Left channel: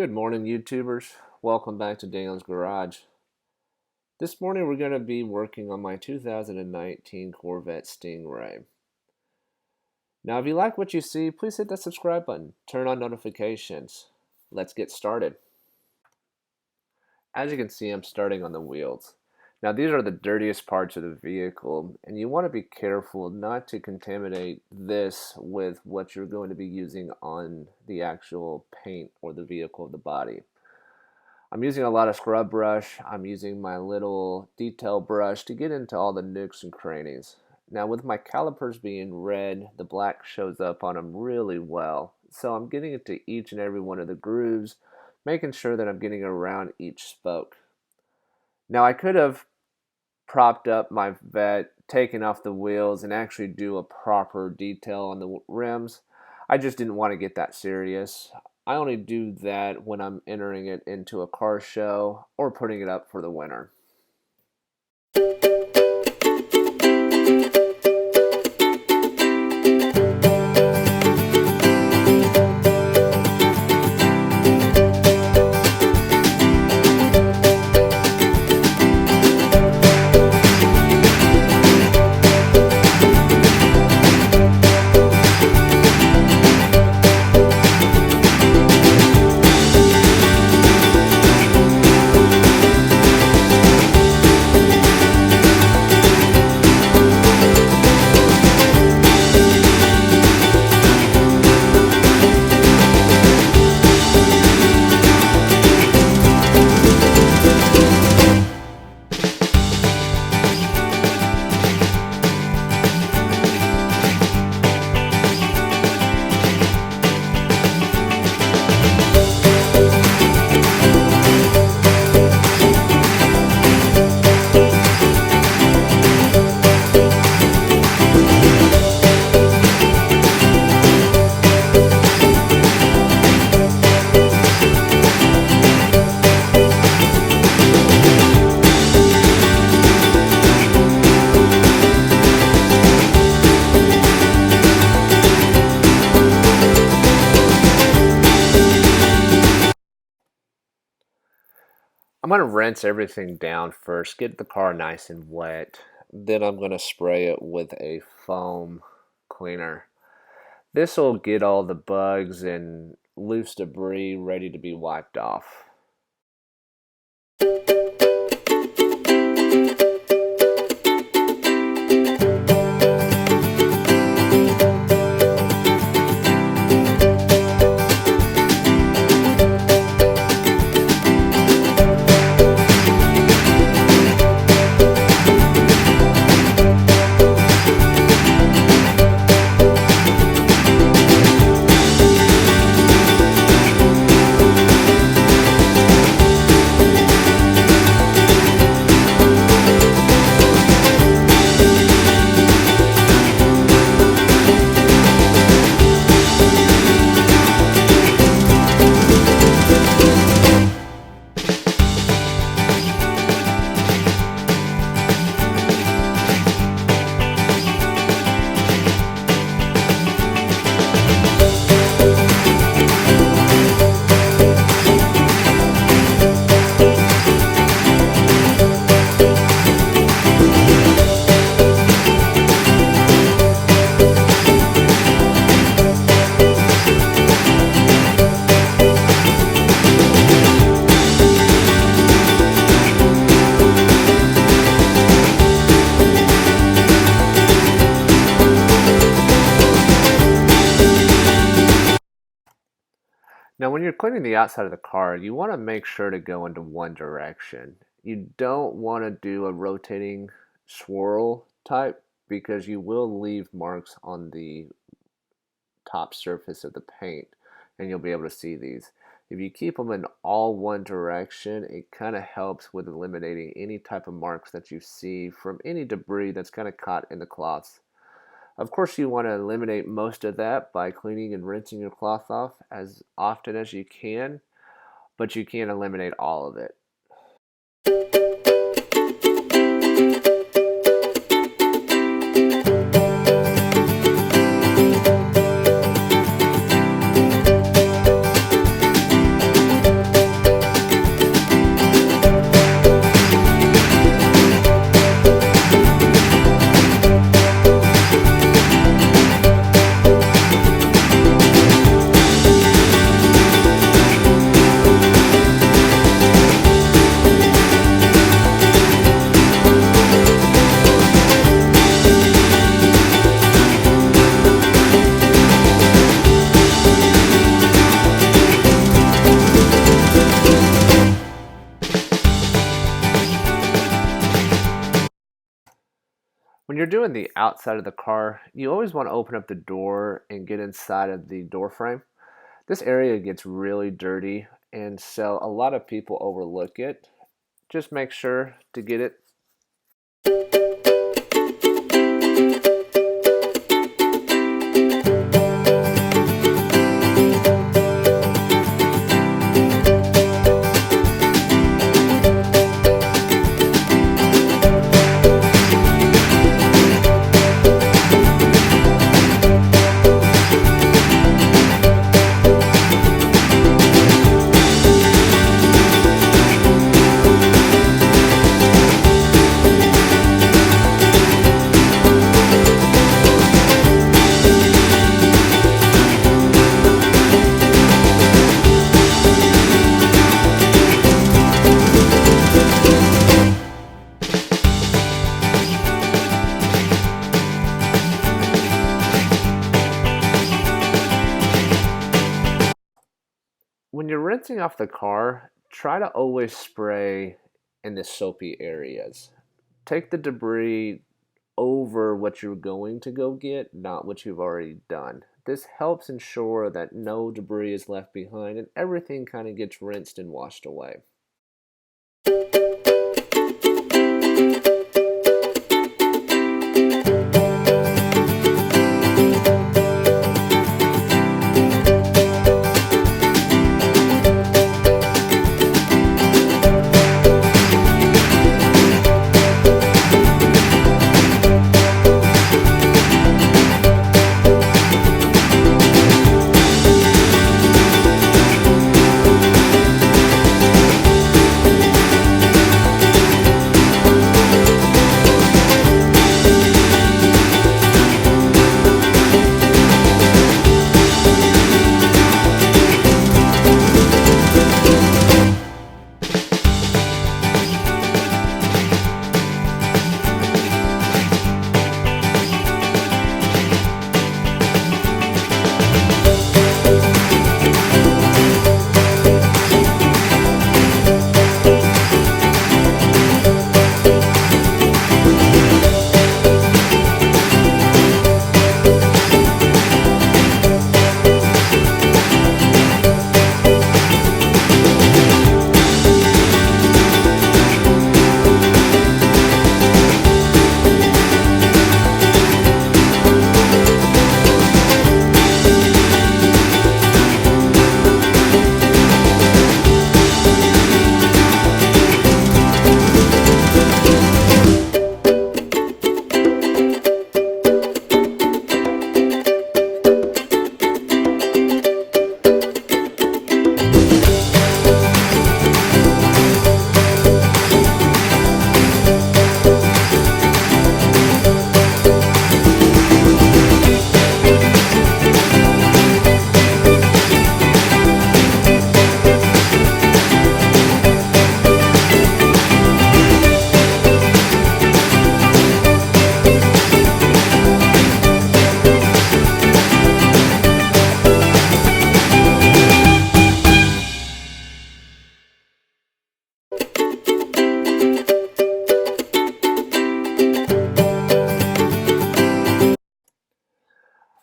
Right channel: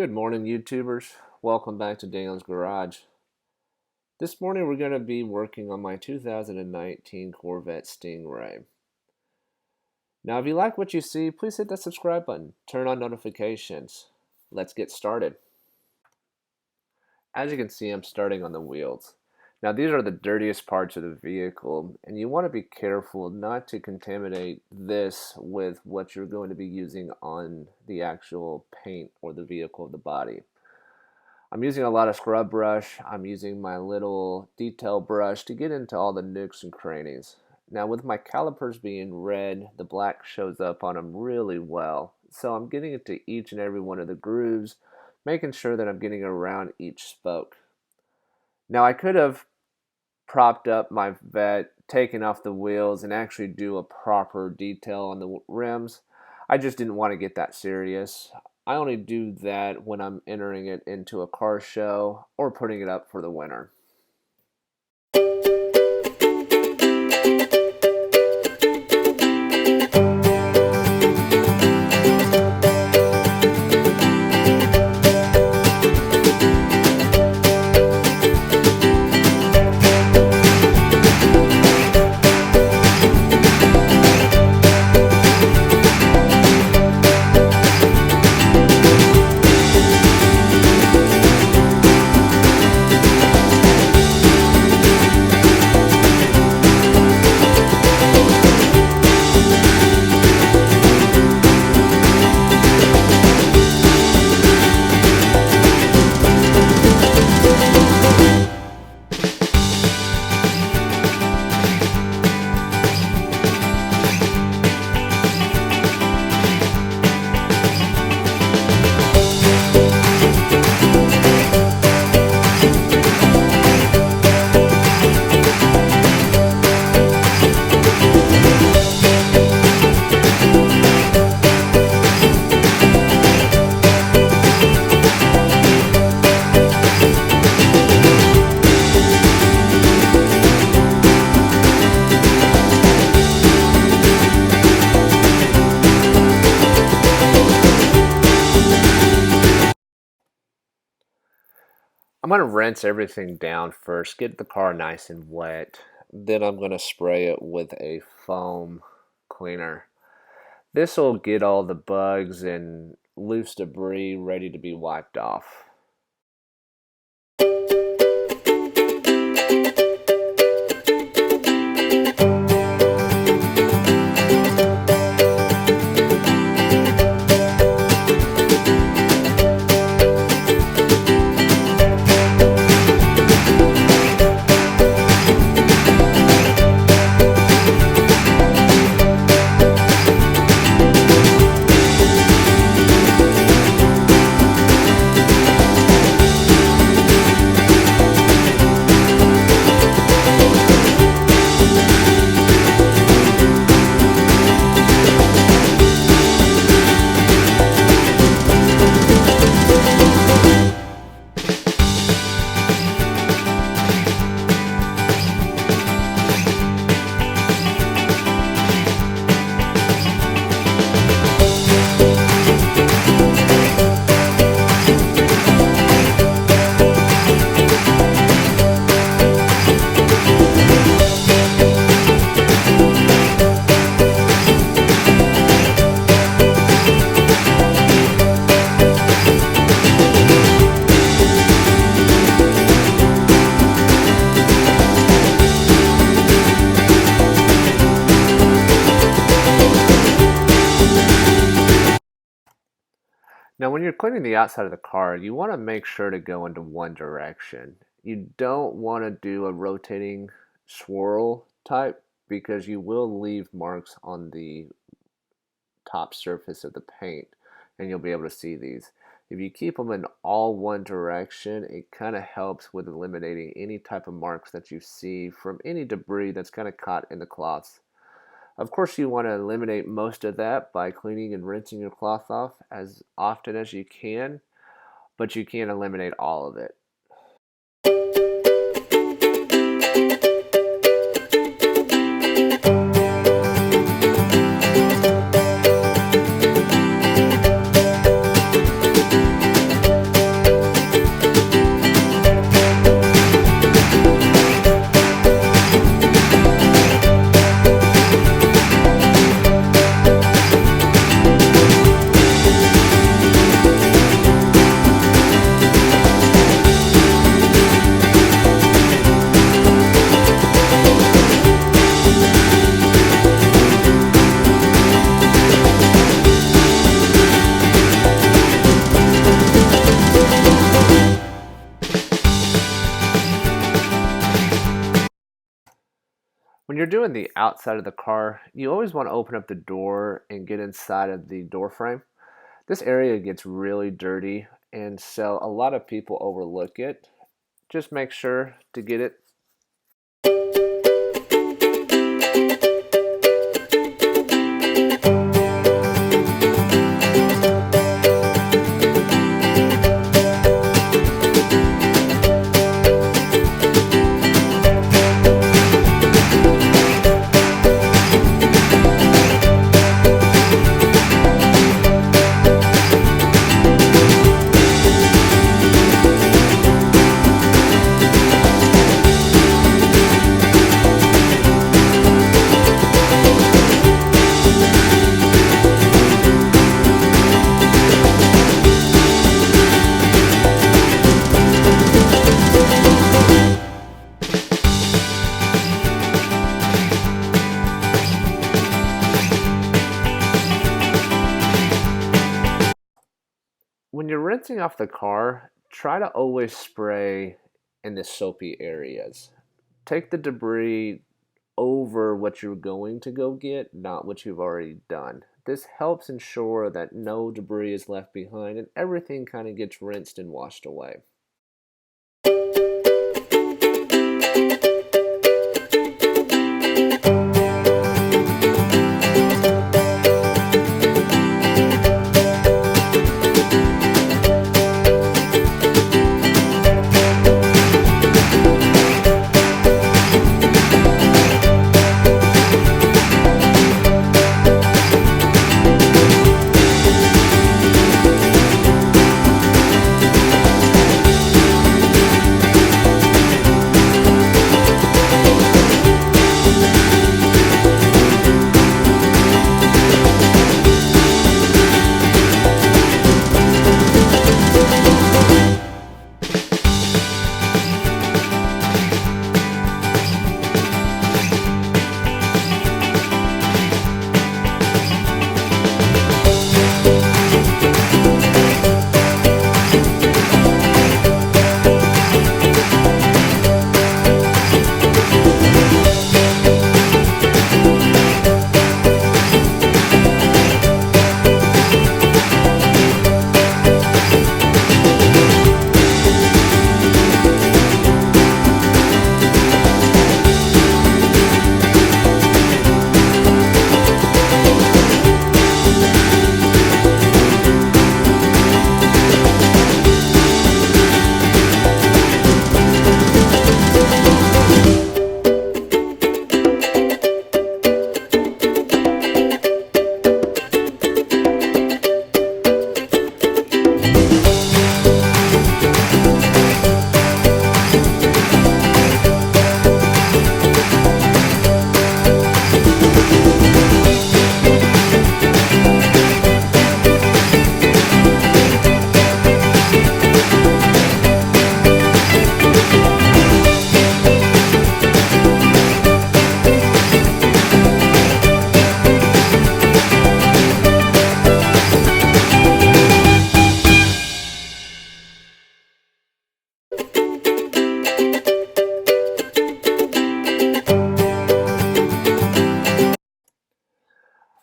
Good morning, YouTubers. Welcome back to Daniel's Garage. This morning we're going to be working on my 2019 Corvette Stingray. Now, if you like what you see, please hit that subscribe button. Turn on notifications. Let's get started. As you can see, I'm starting on the wheels. Now, these are the dirtiest parts of the vehicle, and you want to be careful not to contaminate this with what you're going to be using on the actual paint or the vehicle of the body. I'm using a lot of scrub brush. I'm using my little detail brush to get into all the nooks and crannies. Now, with my calipers being red, the black shows up on them really well. So I'm getting into each and every one of the grooves, making sure that I'm getting around each spoke. Now, I could have propped up my Vette, taken off the wheels, and actually do a proper detail on the rims. I just didn't want to get that serious. I only do that when I'm entering it into a car show or putting it up for the winter. I'm going to rinse everything down first, get the car nice and wet. Then I'm going to spray it with a foam cleaner. This will get all the bugs and loose debris ready to be wiped off. Now, when you're cleaning the outside of the car, you want to make sure to go into one direction. You don't want to do a rotating swirl type because you will leave marks on the top surface of the paint and you'll be able to see these. If you keep them in all one direction, it kind of helps with eliminating any type of marks that you see from any debris that's kind of caught in the cloths. Of course, you want to eliminate most of that by cleaning and rinsing your cloth off as often as you can, but you can't eliminate all of it. When you're doing the outside of the car, you always want to open up the door and get inside of the door frame. This area gets really dirty, and so a lot of people overlook it. Just make sure to get it. When you're rinsing off the car, try to always spray in the soapy areas. Take the debris over what you're going to go get, not what you've already done. This helps ensure that no debris is left behind and everything kind of gets rinsed and washed away.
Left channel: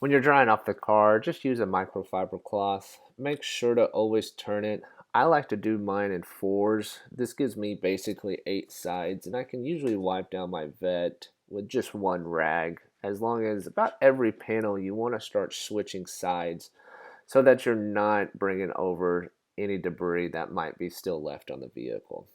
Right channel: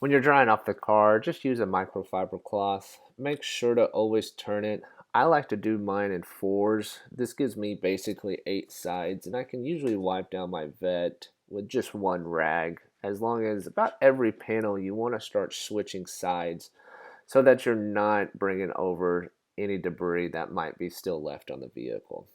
When you're drying off the car, just use a microfiber cloth. Make sure to always turn it. I like to do mine in fours. This gives me basically 8 sides, and I can usually wipe down my vet with just one rag. As long as about every panel you want to start switching sides so that you're not bringing over any debris that might be still left on the vehicle.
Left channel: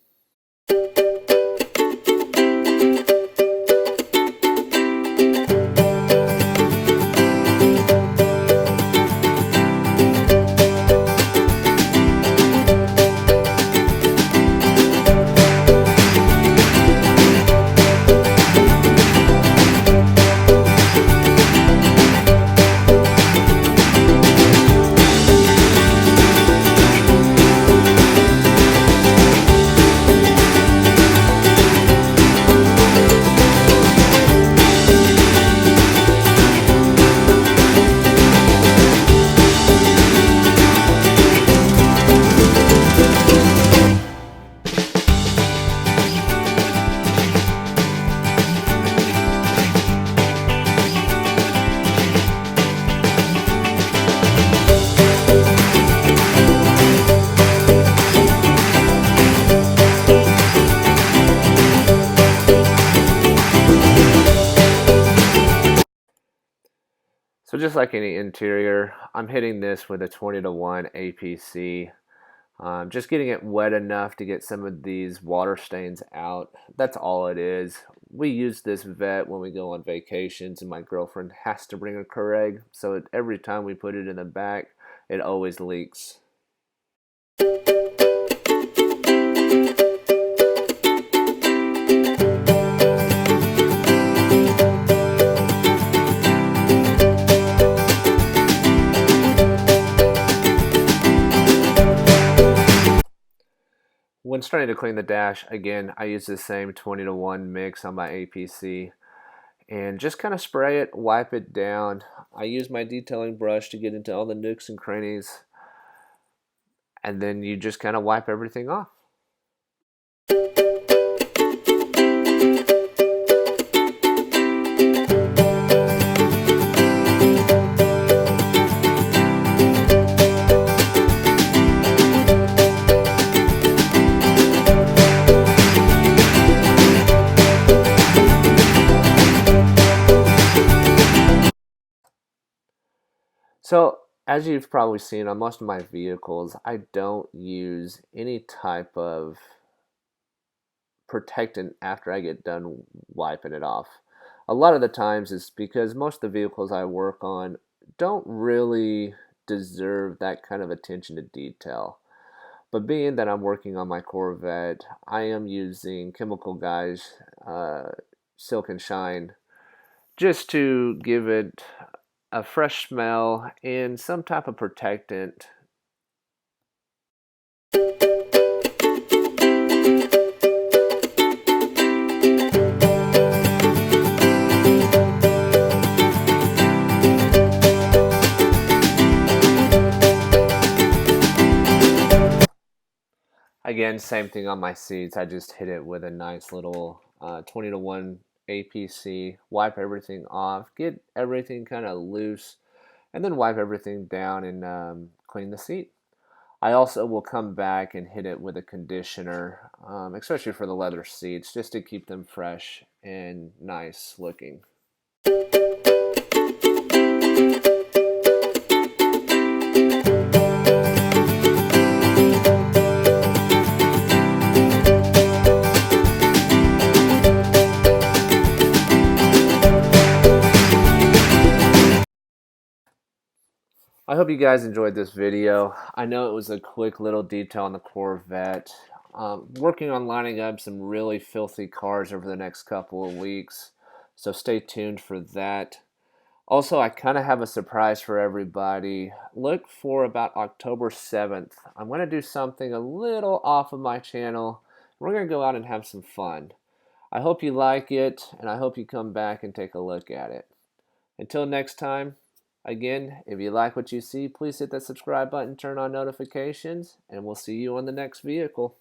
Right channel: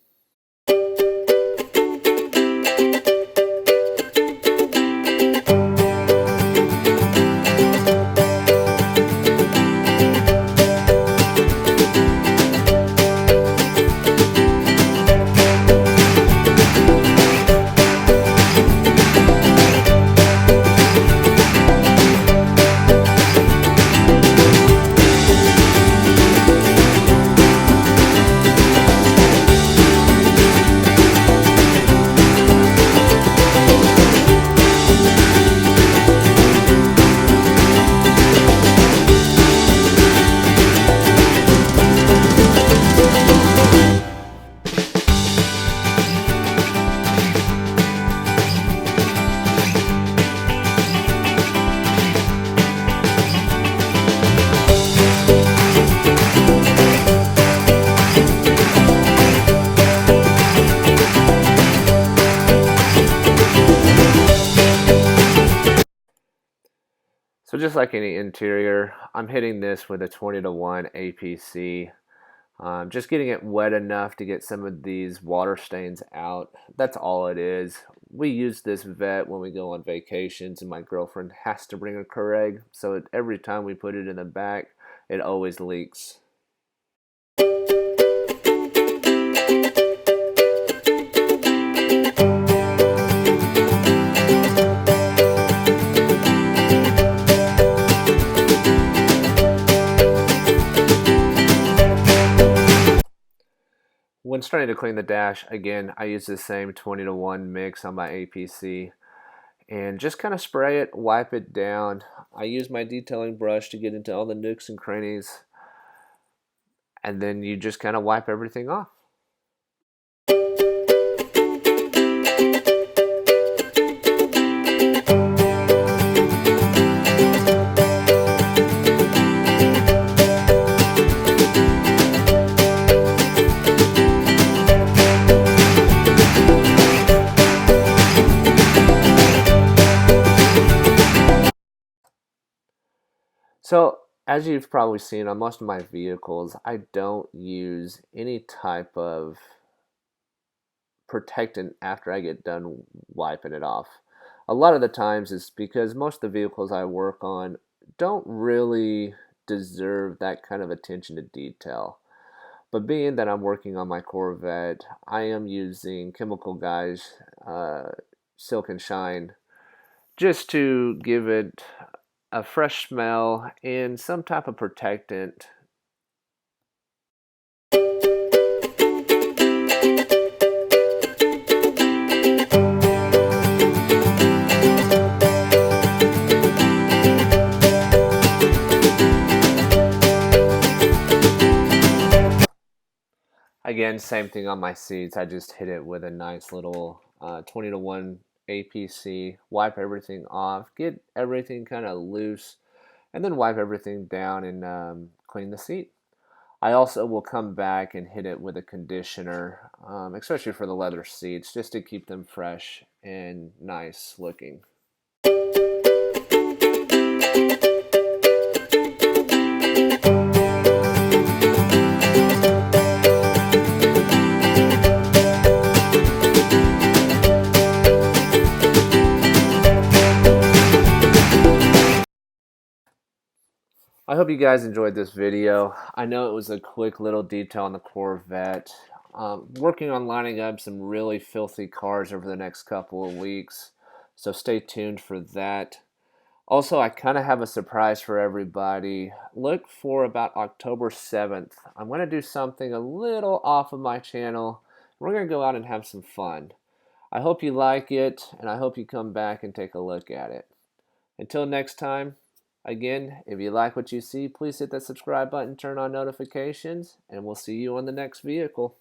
So just like any interior, I'm hitting this with a 20-to-1 APC. Just getting it wet enough to get some of these water stains out. That's all it is. We use this vet when we go on vacations, and my girlfriend has to bring a Keurig, so every time we put it in the back, it always leaks. When starting to clean the dash, again, I use the same 20-to-1 mix on my APC and just kind of spray it, wipe it down. I use my detailing brush to get into all the nooks and crannies, and then you just kind of wipe everything off. So, as you've probably seen on most of my vehicles, I don't use any type of protectant after I get done wiping it off. A lot of the times it's because most of the vehicles I work on don't really deserve that kind of attention to detail. But being that I'm working on my Corvette, I am using Chemical Guys Silk and Shine just to give it a fresh smell and some type of protectant. Again, same thing on my seats. I just hit it with a nice little 20-to-1 APC, wipe everything off, get everything kind of loose, and then wipe everything down and clean the seat. I also will come back and hit it with a conditioner, especially for the leather seats, just to keep them fresh and nice looking. I hope you guys enjoyed this video. I know it was a quick little detail on the Corvette. Working on lining up some really filthy cars over the next couple of weeks, so stay tuned for that. Also, I kind of have a surprise for everybody. Look for about October 7th. I'm going to do something a little off of my channel. We're going to go out and have some fun. I hope you like it, and I hope you come back and take a look at it. Until next time, again, if you like what you see, please hit that subscribe button, turn on notifications, and we'll see you on the next vehicle.